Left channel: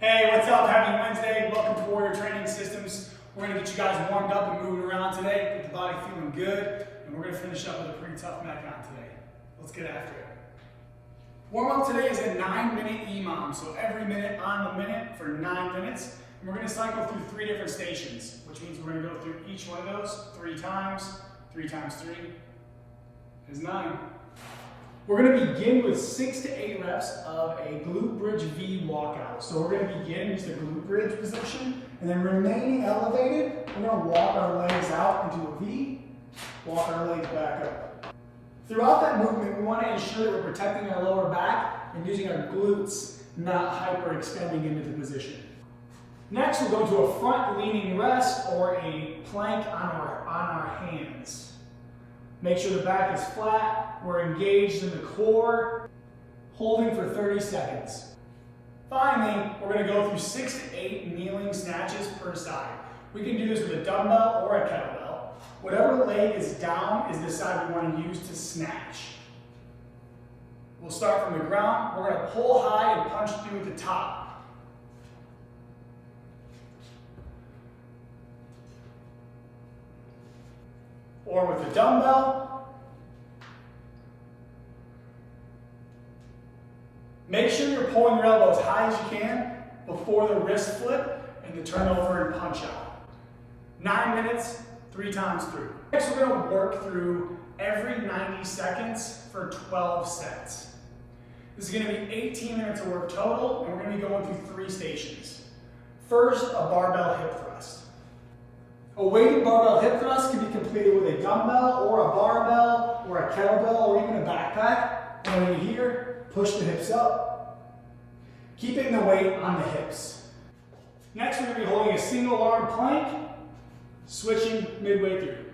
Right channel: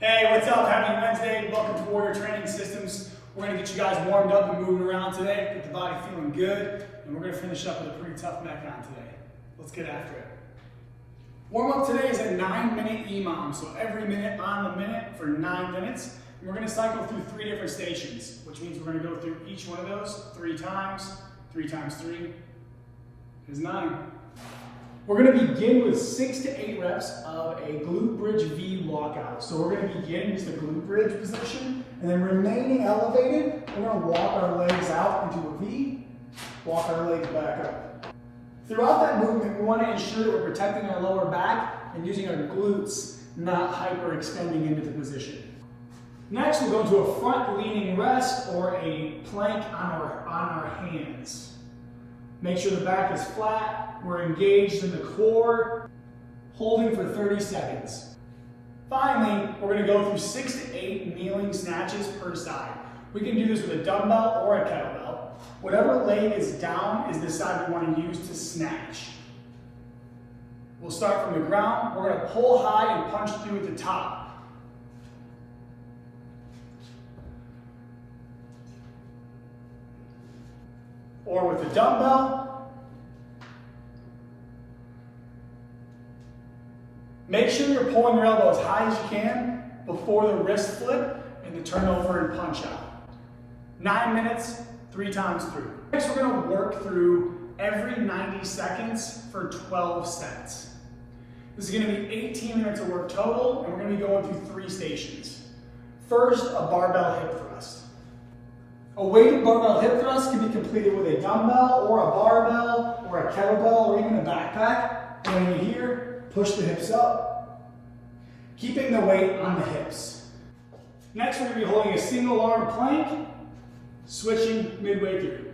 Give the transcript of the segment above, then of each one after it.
Hey, what's up? Happy Wednesday. Welcome to Warrior Training Systems. We're going to get you guys warmed up and moving around today, get the body feeling good, and we're going to finish up with a pretty tough Metcon today. Let's get after it. Warm up today is a 9-minute EMOM, so every minute on the minute for 9 minutes. And we're going to cycle through 3 different stations, which means we're going to go through each one of those 3 times. 3 times 3 is 9. We're going to begin with 6 to 8 reps of a Glute Bridge V Walkout. So we're going to begin in just a glute bridge position, and then remaining elevated, we're going to walk our legs out into a V, walk our legs back up. Throughout that movement, we want to ensure that we're protecting our lower back and using our glutes, not hyperextending into the position. Next, we'll go to a front leaning rest or a plank on our hands. Make sure the back is flat, we're engaged in the core, holding for 30 seconds. Finally, we're going to go through 6 to 8 kneeling snatches per side. We can do this with a dumbbell or a kettlebell. Whatever leg is down is the side we want to use to snatch. We'll start from the ground. We're going to pull high and punch through at the top. Or with a dumbbell. Make sure you're pulling your elbow as high as you can before the wrist flip and the turnover and punch out. 9 minutes, 3 times through. Next, we're going to work through every 90 seconds for 12 sets. This is going to be 18 minutes of work total, and we're going to be going through 3 stations. First, a barbell hip thrust. A weighted barbell hip thrust can be completed with a dumbbell or a barbell or a kettlebell or even a backpack. And when you're here, push the hips up, keeping the weight on the hips. Next, we're going to be holding a single arm plank, switching midway through.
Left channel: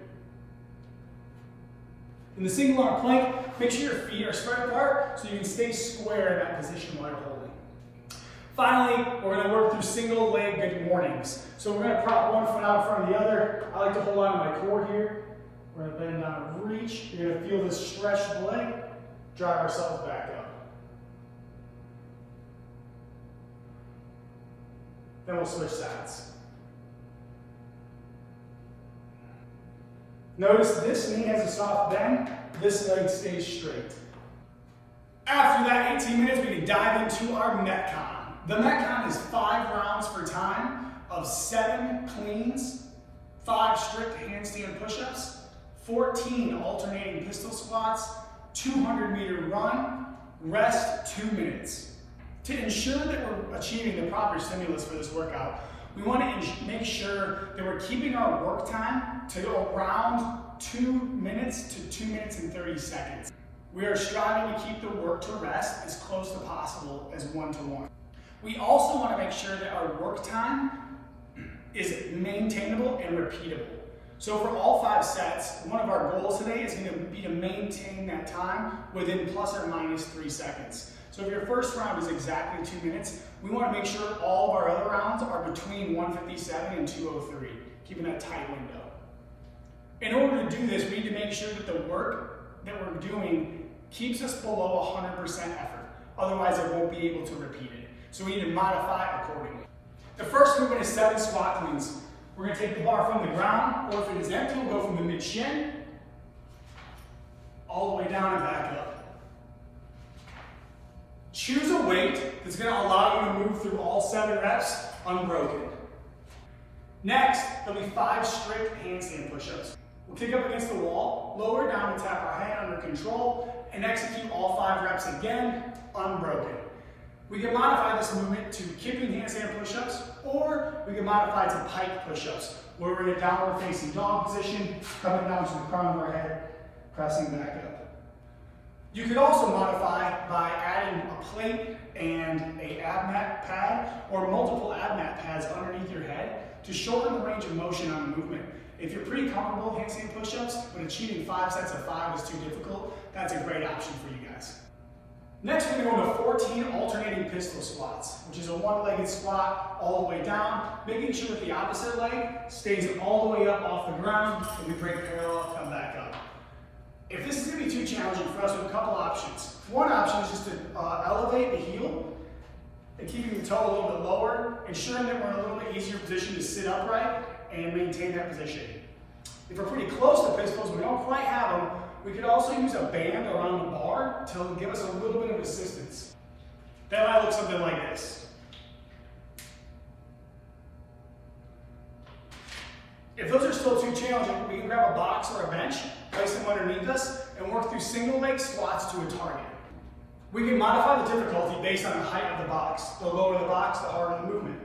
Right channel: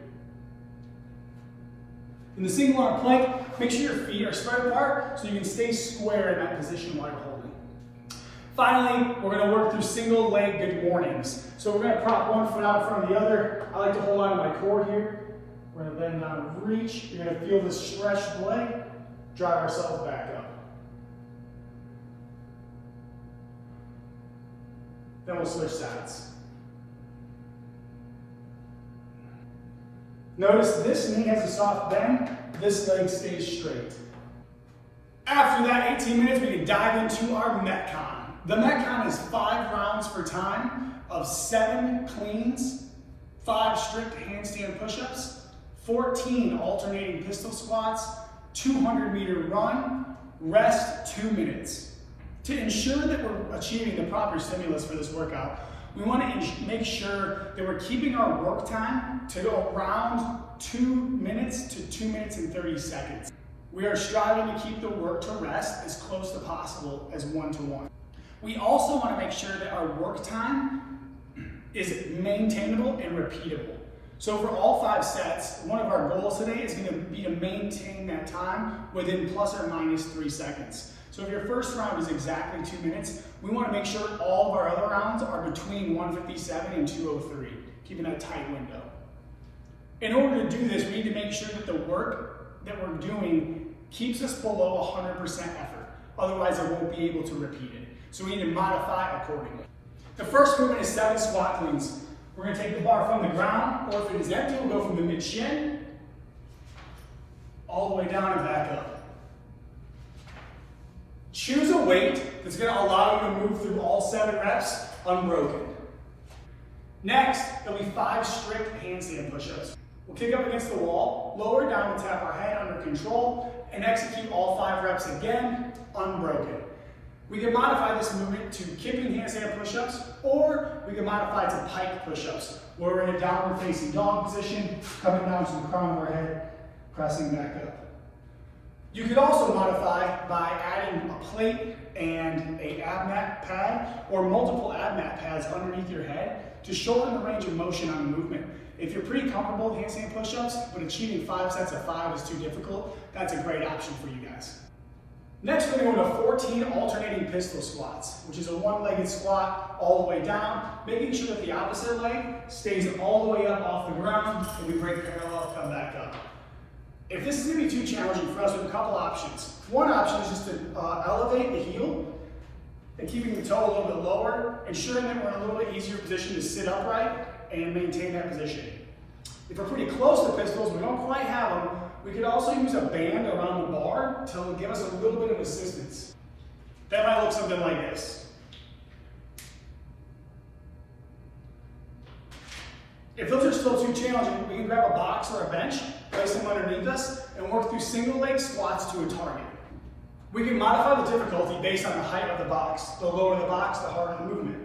In the single arm plank, make sure your feet are spread apart so you can stay square in that position while you're holding. Finally, we're going to work through single leg good mornings. So we're going to prop one foot out in front of the other. I like to hold on to my core here. We're going to bend down and reach. You're going to feel this stretched leg. Drive ourselves back up. Then we'll switch sides. Notice this knee has a soft bend. This leg stays straight. After that 18 minutes, we can dive into our Metcon. The Metcon is 5 rounds per time of 7 cleans, 5 strict handstand push-ups, 14 alternating pistol squats, 200-meter run, rest 2 minutes. To ensure that we're achieving the proper stimulus for this workout, we want to make sure that we're keeping our work time to around 2 minutes to 2 minutes and 30 seconds. We are striving to keep the work to rest as close to possible as 1-to-1. We also want to make sure that our work time is maintainable and repeatable. So for all 5 sets, one of our goals today is going to be to maintain that time within plus or minus 3 seconds. So if your first round is exactly 2 minutes, we want to make sure all of our other rounds are between 157 and 203, keeping a tight window. In order to do this, we need to make sure that the work that we're doing keeps us below 100% effort. Otherwise, I won't be able to repeat it. So we need to modify accordingly. The first movement is 7 squat cleans. We're going to take the bar from the ground, or if it is empty, we'll go from the mid-shin all the way down and back up. Choose a weight that's going to allow you to move through all 7 reps unbroken. Next, there'll be 5 strict handstand push-ups. We'll kick up against the wall, lower down, we'll tap our head under control, and execute all 5 reps again, unbroken. We can modify this movement to kipping handstand push-ups, or we can modify to pike push-ups, where we're in a downward facing dog position, coming down to the crown of our head, pressing back up. You could also modify by adding a plate and a ab mat pad, or multiple ab mat pads underneath your head to shorten the range of motion on the movement. If you're pretty comfortable with handstand push-ups, but achieving 5 sets of 5 is too difficult, that's a great option for you guys. Next, we're going to go into 14 alternating pistol squats, which is a one-legged squat all the way down, making sure that the opposite leg stays all the way up off the ground, and we break parallel, come back up. If this is going to be too challenging for us, we have a couple options. One option is just to elevate the heel and keeping the toe a little bit lower, ensuring that we're in a little bit easier position to sit upright and maintain that position. If we're pretty close to pistols, we don't quite have them, we could also use a band around the bar to give us a little bit of assistance. That might look something like this. If those are still too challenging, we can grab a box or a bench, place them underneath us, and work through single leg squats to a target. We can modify the difficulty based on the height of the box. The lower the box, the harder the movement.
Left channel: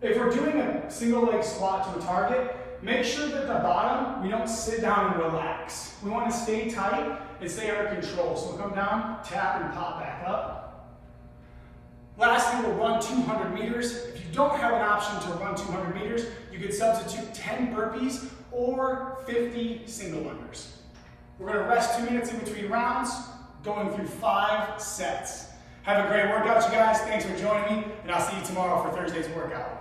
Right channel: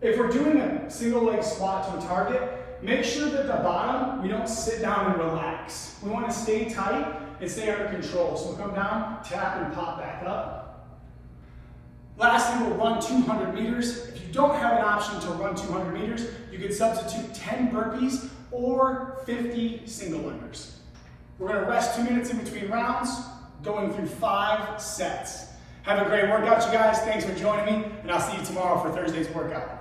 If we're doing a single leg squat to a target, make sure that at the bottom, we don't sit down and relax. We want to stay tight and stay under control. So we'll come down, tap, and pop back up. Lastly, we'll run 200 meters. If you don't have an option to run 200 meters, you can substitute 10 burpees or 50 single limbers. We're going to rest 2 minutes in between rounds, going through 5 sets. Have a great workout, you guys. Thanks for joining me, and I'll see you tomorrow for Thursday's workout.